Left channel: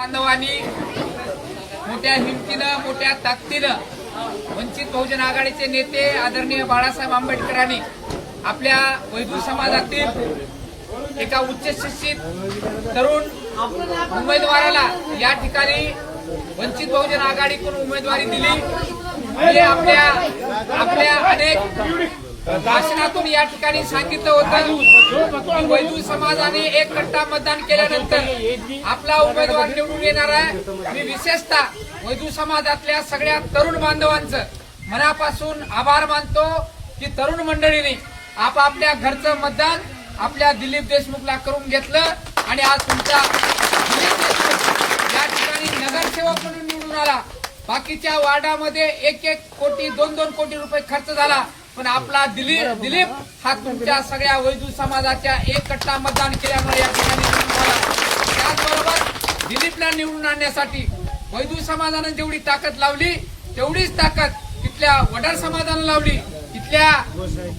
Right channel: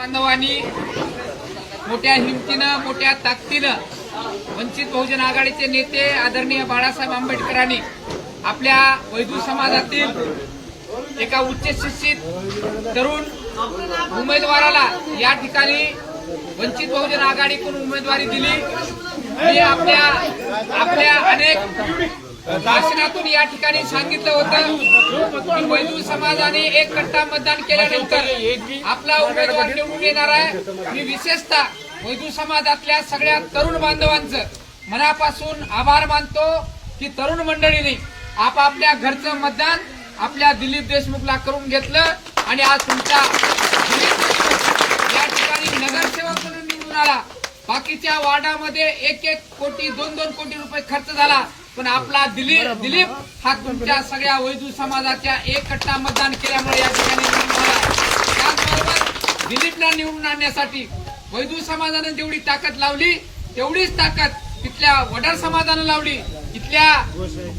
बांधवांनी मोठ्या हिमतीनं मोठ्या ताकदीनं वंचित बहुजन आघाडीचे नेते आदरणीय बाळासाहेब आंबेडकरांनी आपल्या वैदू समाजातील एका उच्च शिक्षित तरुण उमेदवाराला या ठिकाणी वंचित बहुजन आघाडीकडून उमेदवारी दिली. आपल्या आपल्या अनेक भाषणातून या ठिकाणी सांगितलं होतं की वैदू समाजाने एक कट्टा मतदान केल्यानंतर आपला उमेदवार निवडून येणार आहे. मी विशेषतः वैदू समाजातल्या सगळ्या तरुण बांधवांचं मनापासून आभार मानतो की तरुण मंडळीने आपापल्या घरचं मतदान आपल्या दिलीप देशमुखला करून घेतलं आणि आज तुमचा या ठिकाणी नगरसेवक म्हणून निवडून आला. बाकीच्या वार्डामध्ये एक एक कोटी दोन दोन कोटी रुपये खर्च झाला. पण आपला दिलीप दिलीप हा तुमच्या सगळ्या वैदू समाजाच्या एक कट्टा मतदान केल्यामुळे या ठिकाणी त्याचबरोबर दिलीपला निवडून आणण्यासाठी वैदू समाजानं जेवढी ताकद लावली तेवढीच ताकद तिथल्या वडार समाजानं लावली इथल्या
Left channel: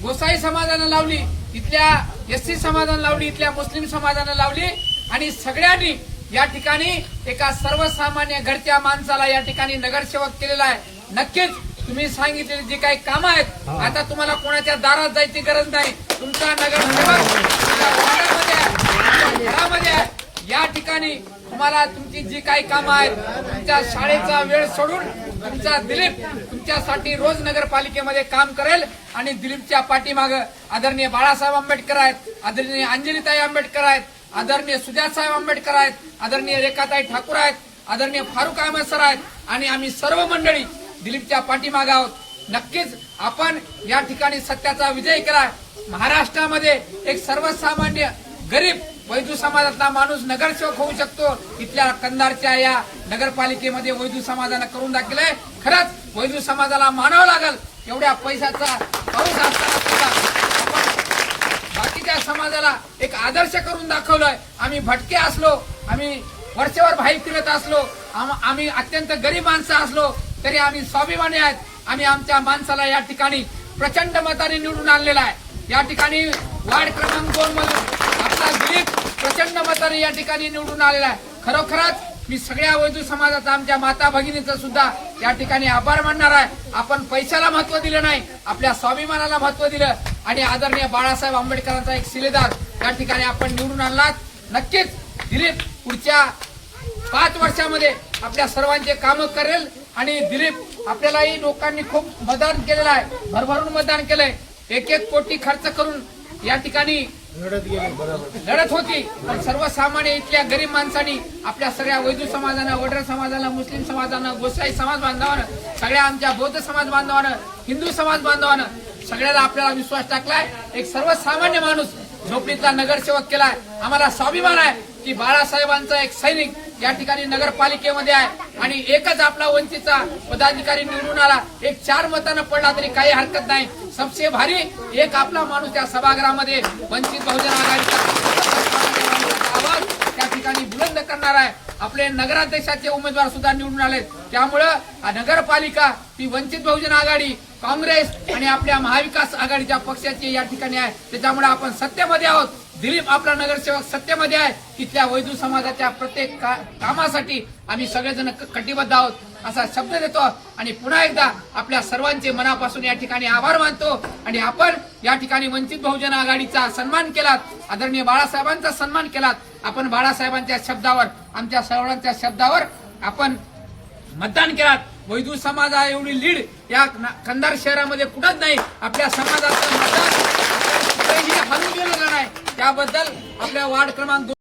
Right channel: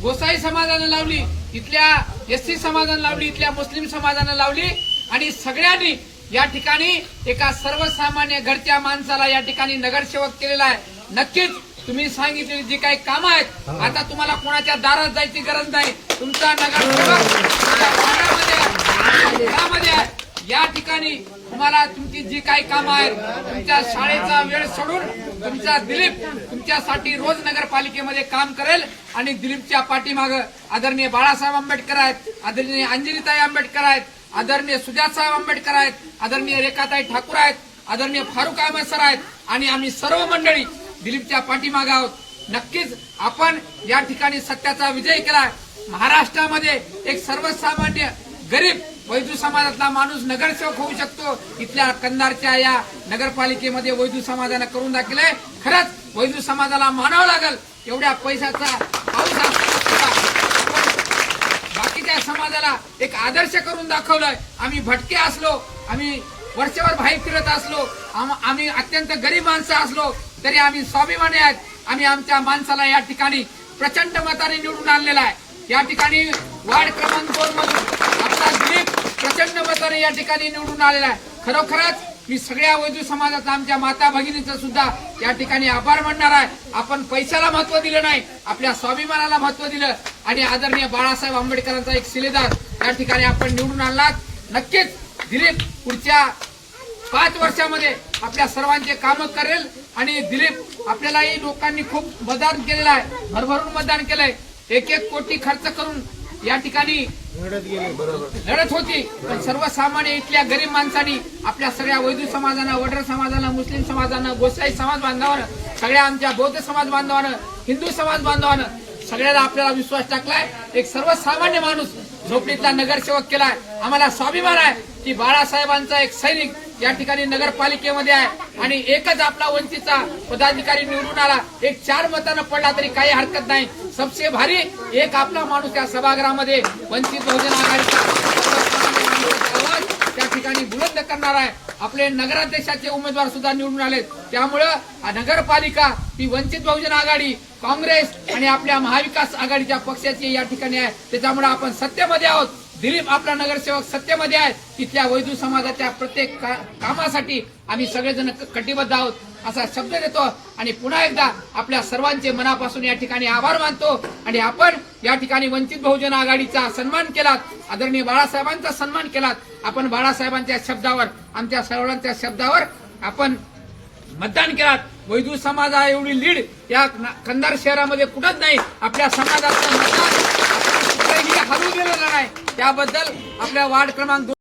गोसाई समाजानं लावली इथल्या एससी समाजानं लावली इथल्या मुस्लिम समाजानं लावली आणि सगळ्यांनी या ठिकाणी एका सर्वसामान्य घरच्या माणसाला या ठिकाणी नगरसेवक केलेला आहे. नक्कीच तुम्ही सांगितलेली जी काही कामं आहेत आता तुम्हाला कोणाच्या दारात जायची गरज नाही. तुमचा नगरसेवक तुमच्या वार्डामध्ये आहे, तुमच्या घरामध्ये आहे. या ठिकाणी तुम्हाला तुमची जी काही कामं आहेत तुमच्या शाळेचा वेळ सोडून तुमचा दिलीप तुमच्यासाठी रोज नगरपालिकेमध्ये काम करेल आणि दिलीपच्या पाठीमाग आदरणीय बाळासाहेब आंबेडकर आहेत आदरणीय अंजलीताई आंबेडकर आहेत आदरणीय सुजातसाहेब आंबेडकर आहेत आदरणीय रेखाताई ठाकूर आहेत आदरणीय फारुख अहमद सर आहेत आणि आम्ही सर्व मंडळी दिलीपच्या पाठीमाग आहोत नक्कीच आपण या ठिकाणी सत्याचा विजय केला महाराष्ट्रामध्ये एक सर्वसामान्य गरीब वैदू समाजातला माणूस नगरसेवक होऊ शकतो. इथल्या कंधारच्या या नगरपालिकेमध्ये वैदू समाजानं करून दाखवलंय खरंच वैदू समाजाला मानावं लागल एवढ्या पैशाचा पाऊस बाकीच्या समाजाला एक आदर्श करून दाखवलंय. आम्ही भटके असलो आम्ही वर्षभर भाई फिरत असलो आम्ही अत्यंत गरीब माणसं असलो तरी आम्ही स्वाभिमानी आहेत. आणि आमच्या माणसाला या ठिकाणी प्रचंड मताने निवडून आणलेला आहे. या ठिकाणी वार्ड क्रमांक दोन मधून आपला दिलीप प्रचंड मताने या ठिकाणी निवडून आलेला आहे. खरोखरच मी सगळ्या वैदू समाजाचा आमच्या माता भगिनीचा सुद्धा या ठिकाणी आभार मानणार आहे. आपण पैशाला महत्त्व दिलं नाही आपल्या स्वाभिमानाला महत्त्व दिलं. आणि आदरणीय बाळासाहेब आंबेडकरांचा एक शिलेदार या ठिकाणी आपण निवडून आणलात. नक्कीच दिलीप पुढच्या पाच वर्षामध्ये आपल्या सर्वांचे कामं करेल आणि दिलीप आपल्यालाही लोकांनी खूप मतदान केलेलं आहे. भरभरून मतदान केलंय. एक एक कोटी खर्च करून या ठिकाणी लढत होती. पण सर्वसामान्य इथल्या गरीब माणसांनी आपल्या सगळ्या वैदू समाजानं वडर समाजानं मुस्लिम समाजानं गोसाई समाज बांधवानं सगळ्या आमच्या बौद्ध समाज बांधवानं हिंदू समाज बांधवानं सगळ्याला आपल्याला विश्वास टाकलाय. एक सर्वसामान्य माणूस झोपडीतला नगरसेवक केलाय. आम्हाला स्वाभिमान आहे की बाळासाहेबांचा एक सैनिक या ठिकाणी नगरपालिकेमध्ये आहे. आणि एकच आपला वंचितचा पदाधिकारी निवडून आला. एक चार मतानं पडला तरी काही हरकत नाही. सबसे भारी एक आपला माणूस त्या सभागृहामध्ये वंचित बहुजन आघाडीचा आवाज त्या ठिकाणी बुलंद करणार आहे. आपले नगराध्यक्षाचे उमेदवार सुद्धा निवडून आले त्यामुळं नगरपालिका ती वंचित बहुजन आघाडी काँग्रेस आणि आपल्या महाविकास आघाडीच्या पक्षाची या ठिकाणी आहे. त्याच्यामुळे आपण सत्तेमध्ये आहोत. दिलीप आपला नगरसेवक सत्तेमध्ये आहे. तिथल्या वैदू समाजाच्या प्रत्येक का- कामासाठी आम्ही सगळेजण क- कटिबद्ध आहोत असा शब्द देतो. आणि पुन्हा एकदा आपल्या सर्वांचे मनापासून या ठिकाणी आभार मानतो. आणि आपण या ठिकाणी वंचित बहुजन आघाडीचा सन्मान केलात आदरणीय बाळासाहेबांचा सन्मान केलात. आपण बाळासाहेबांच्या शब्दावर आमच्या सर्वांच्या शब्दावर आपण मतदान केलात. वैदू समाजा एवढी लीड या कंधार शहरामध्ये कुठंच नाही. आपल्या समाजाचं मतदान आपण कुठेही हरवू गेलेलं नाही? त्याबद्दल आपल्या वार्ड क्रमांक